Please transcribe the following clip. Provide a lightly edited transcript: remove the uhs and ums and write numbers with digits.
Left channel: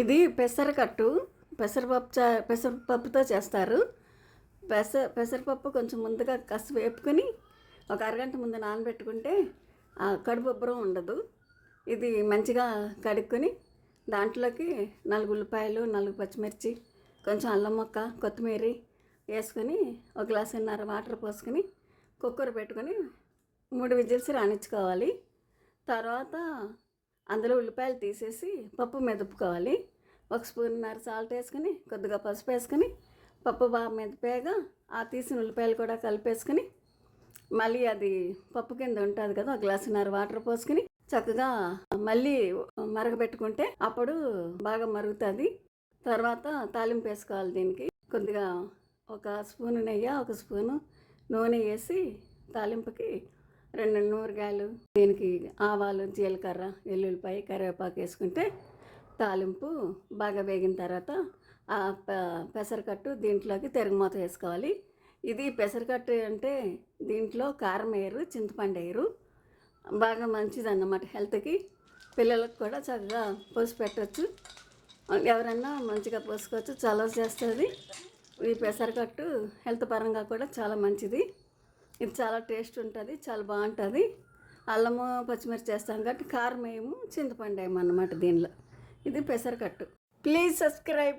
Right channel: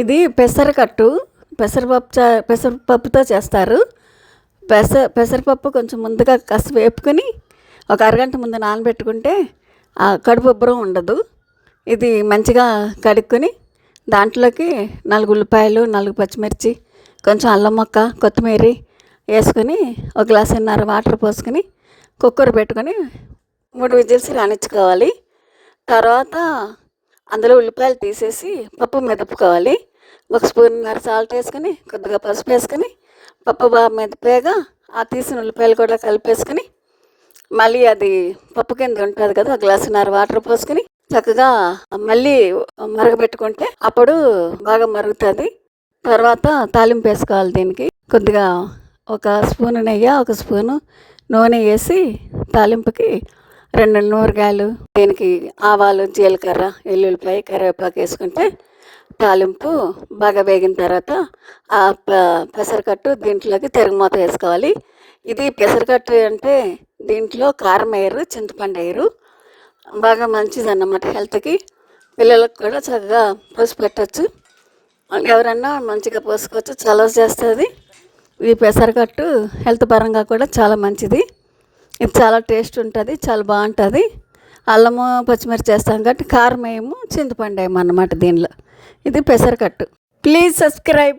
ఇది పెసరకట్టు. పెసరపప్పుతో చేస్తారు. పెసరపప్పు కొంచెం ముందుగా కాస్త వేపుకొని ఒక అరగంట ముందు నానబెట్టుకుంటే ఆ కడుపు ఉబ్బరం ఉండదు. ఇది మంచిగా కడుక్కొని దాంట్లోకి 4 ఉల్లిపాయలు, 4 పచ్చిమిర్చి, కొంచెం అల్లం ముక్క, కొత్తిమీర వేసుకొని ఒక గ్లాసున్నర వాటర్ పోసుకొని కుక్కర్ పెట్టుకొని 3 విజిల్స్ రానిచ్చుకోవాలి. తర్వాత అందులో ఉల్లిపాయలు తీసేసి పప్పు మెదుపుకోవాలి. ఒక స్పూన్నర సాల్ట్ వేసుకొని కొద్దిగా పసుపు వేసుకొని పప్పు బాగా మెదిపాక ఆ తీసిన ఉల్లిపాయలు కూడా కలిపేసుకొని మళ్ళీ అది పప్పు కింద ఉంటుంది కదా, 1 గ్లాసున్నర వాటర్ పోసుకొని చక్కగా మళ్ళీ మరగబెట్టుకుంటే అప్పుడు బాగా మరుగుతుంది. తర్వాత తాలింపు వేసుకోవాలి. దీనికి కొద్దిగా ఒక స్పూను నెయ్యి, ఒక స్పూను నూనె వేసి తాలింపుకి 2 నూరగాయలు, దీనికి ఆవాలు, జీలకర్ర, ఎల్లుల్లిపాయ, కరివేపాకు వేసుకుంటే తాలింపు బాగా వేగిన తర్వాత ఆ పెసరకట్టు దీంట్లోకి తిరగమూత వేసుకోవాలి. ఇది పెసరకట్టు అంటే దీంట్లో కారం వేయరు, చింతపండు వేయరు. బాగా మంచిదన్నమాట హెల్త్కి. పిల్లలకు కూడా చక్కగా పోసి పెట్టచ్చు. ఎవరన్నా మంచిగా పోసుకోవచ్చు, చలవ చేస్తుంది. ఈ పెసరకట్టు హెల్త్ పరంగా కూడా చాలా మంచిది. ఇది చాలా టేస్ట్ ఉంటుంది, చాలా బాగుంటుంది. అల్లము పచ్చిమిర్చి చేస్తాం కాబట్టి కారం వేయము, చింతపండు వేయము అన్నమాట దీనిలో. ఇది పెసరకట్టు. Please subscribe.